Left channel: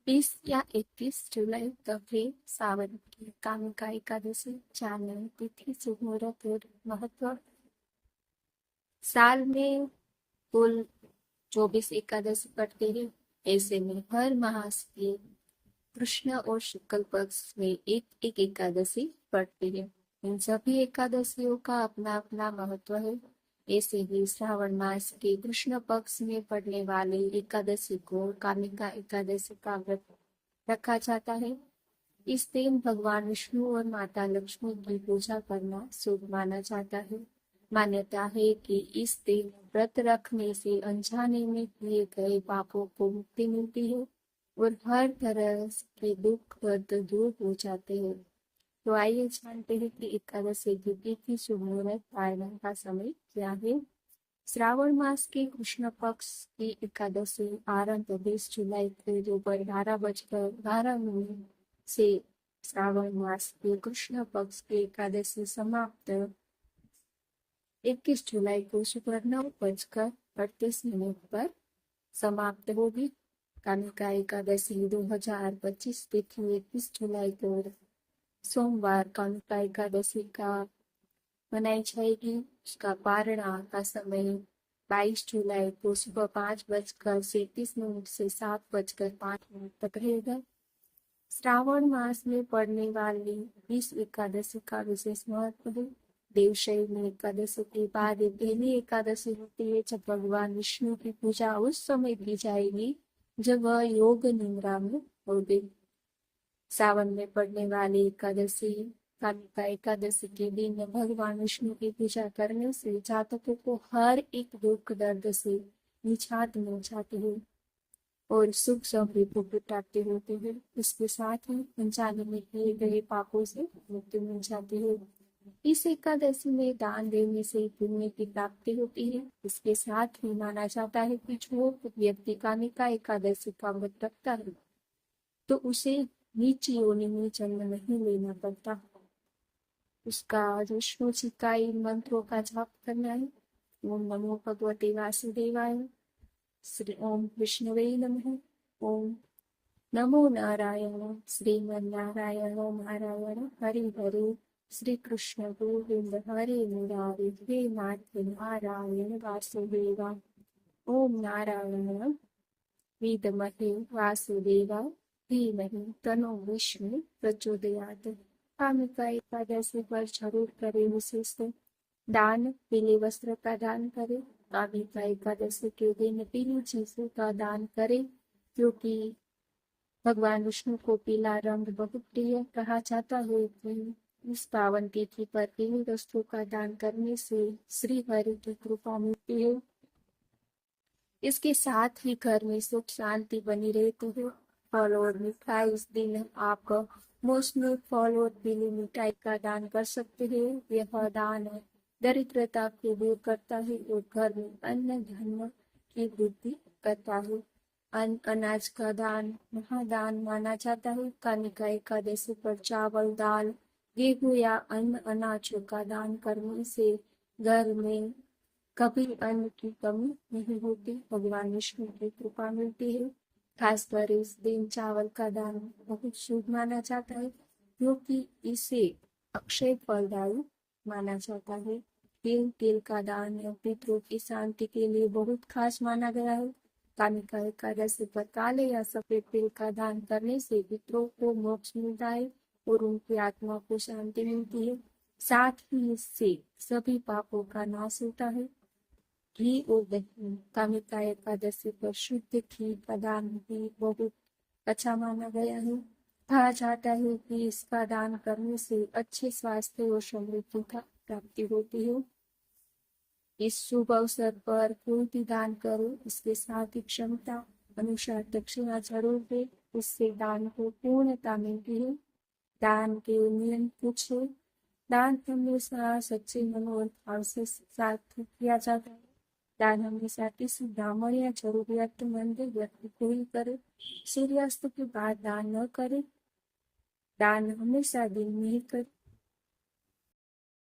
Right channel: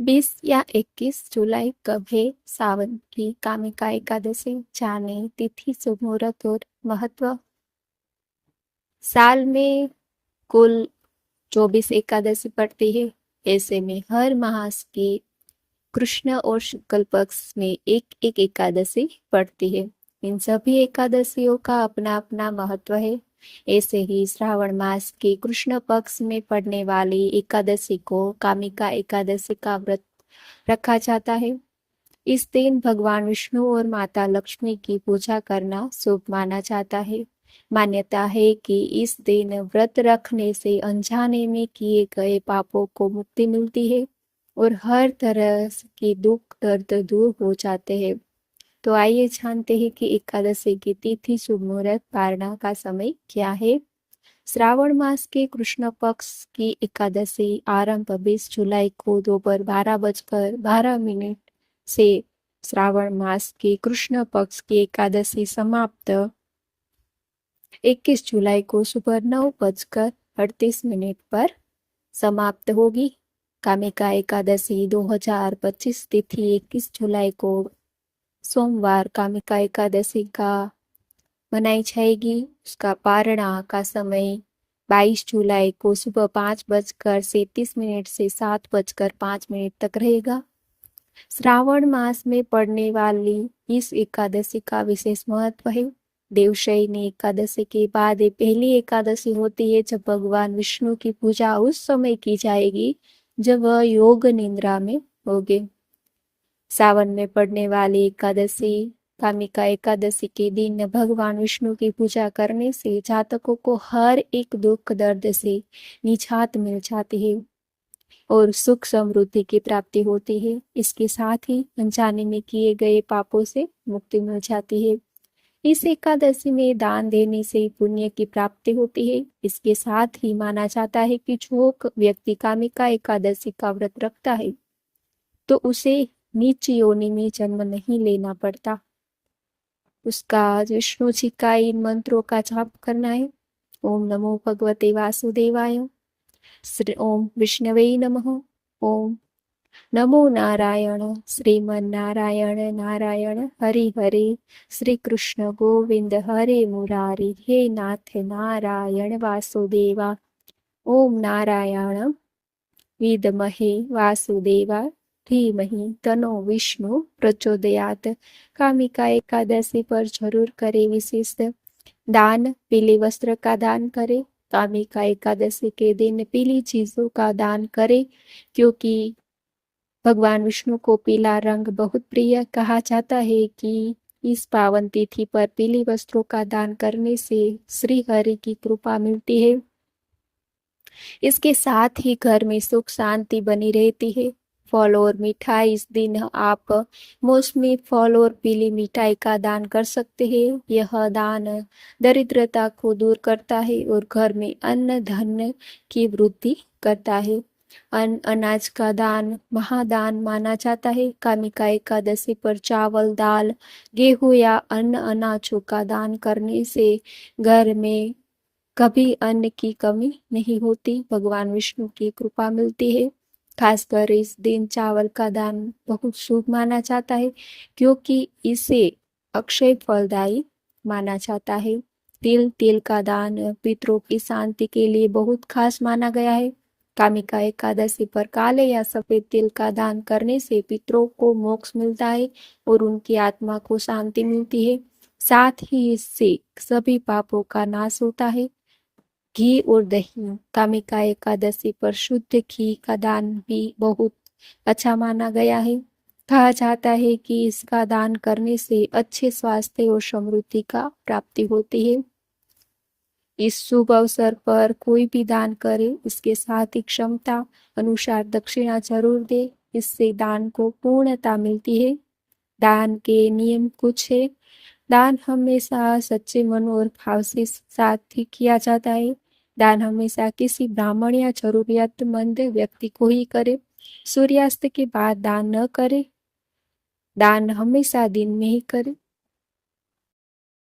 20 या 21 जुलाई कब है? सावन की कामिका एकादशी। जाने तिथि, शुभ मुहूर्त और महत्व। साल में कुल 24 एकादशी पड़ती है। ऐसे में हर मास की कृष्ण और शुक्ल पक्ष में एक एक एकादशी पड़ती है। इन सभी एकादशियों का अपना अपना महत्व है। ऐसे ही श्रावण मास के कृष्ण पक्ष में पड़ने वाली एकादशी को कामिका एकादशी का व्रत रखा जाता है। इस दिन भगवान विष्णु और माता लक्ष्मी की पूजा करना शुभ माना जाता है। मान्यता है कि इस दिन व्रत रखने से अनजाने में किए गए पापों को मुक्ति मिलती है और हर तरह की दुख दर्द दूर हो जाते हैं। तो आइए जानते हैं कि एकादशी की तिथि, शुभ मुहूर्त, पारणा का समय क्या है। श्रावण मास के कृष्ण पक्ष की एकादशी आरंभ 20 जुलाई को दोपहर 12:12 से श्रावण मास के कृष्ण पक्ष की एकादशी समाप्त 21 जुलाई को सुबह 9:38 पर समाप्त होगी। कामिका एकादशी 2025 तिथि 21 जुलाई को सोमवार कामिका एकादशी का मनाई जाएगी। उसका पारणा का समय 22 जुलाई को सुबह 5:37 से 7:05 तक रहेगा। श्रावण मास में पड़ने वाली इस एकादशी का विशेष महत्व है। देवशयनी एकादशी के बाद ये पहली एकादशी होती है जब भगवान विष्णु की पूजा उस समय की जाएगी जब वह योग निद्रा में होंगे। सावन में पड़ने वाली एकादशी कामिका एकादशी के दिन भगवान विष्णु की पूजा करने से जातकों को हर एक दुख दर्द से निजात मिल जाती है और सुख समृद्धि की प्राप्ति होती है। इसके साथ ही अनजाने में किए गए पापों से मुक्ति मिल जाती है। इस एकादशी में दान देने से पुण्य की प्राप्ति होती है। इसके साथ ही माना जाता है कि जो व्यक्ति कामिका एकादशी का व्रत रखता है तो उसे नीच योनि में जन्म नहीं लेना पड़ता। उसका विष्णु जी का इन मंत्रों का जाप करना है। ओम नमो भगवते वासुदेवाय, श्री ओम विष्णवे नमः, ओम नमो नारायण, श्रीमन नारायण नारायण हरि हरे, श्री कृष्ण गोविंद हरे मुरारी, हे नाथ नारायण वासुदेवा, ओम नारायण विद्महे वासुदेवा धीमहि तनो विष्णु प्रचोदयात। कामिका एकादशी पर जरूर करें विशेष दान। पीले वस्त्र का दान करें। कामिका एकादशी के दिन पीली चीजों का दान करें क्योंकि भगवान विष्णु को पीला रंग बहुत प्रिय। कहा जाता है कि इस पावन तिथि पर पीले वस्त्रों का दान करने से श्री हरि की कृपा मिलती है। इसके साथ ही घर में सुख शांति बनी रहती है। फल और मिठाई, इस दिन आप मौसमी फल और पीली मिठाई का दान कर सकते हैं। यह दान दरिद्रता को दूर करता है और घर में अन्न धन की वृद्धि करता है। अन्न अनाज का दान महादान माना जाता है। कामिका एकादशी पर चावल, दाल, गेहूं या अन्य अनाजों का दान करने से घर में कभी अन्न की कमी नहीं होती। भगवान विष्णु की कृपा मिलती है। खासकर इस दिन चावल का दान बहुत शुभ माना जाता है क्योंकि इसे अक्षय फलदायी माना जाता है। तिल का दान पितरों की शांति के लिए बहुत खास माना गया है। कामिका एकादशी पर काले या सफेद तिल का दान करने से पितरों को मोक्ष मिलता है और उनकी आत्मा को शांति मिलती है। साथ ही इससे सभी पापों का नाश होता है। घी और दही, कामिका एकादशी पर शुद्ध घी का दान भी बहुत अच्छा माना गया है। कहा जाता है कि इसका दान करने से अच्छे स्वास्थ्य और समृद्धि का प्राप्ति होती है। इस शुभ अवसर पर कोई भी दान करे, इसके साथ ही क्षमता अनुसार दक्षिणा जरूर दे। इससे दान को पूर्णता मिलती है। दान के नियम कुछ है। दान हमेशा सच्चे मन और भाव से साथ ही किया जाता है। दान हमेशा किसी ब्राह्मण या जरूरियतमंद व्यक्ति को ही करे। सूर्यास्त के बाद दान न करे। दान हमेशा दिन में ही करे।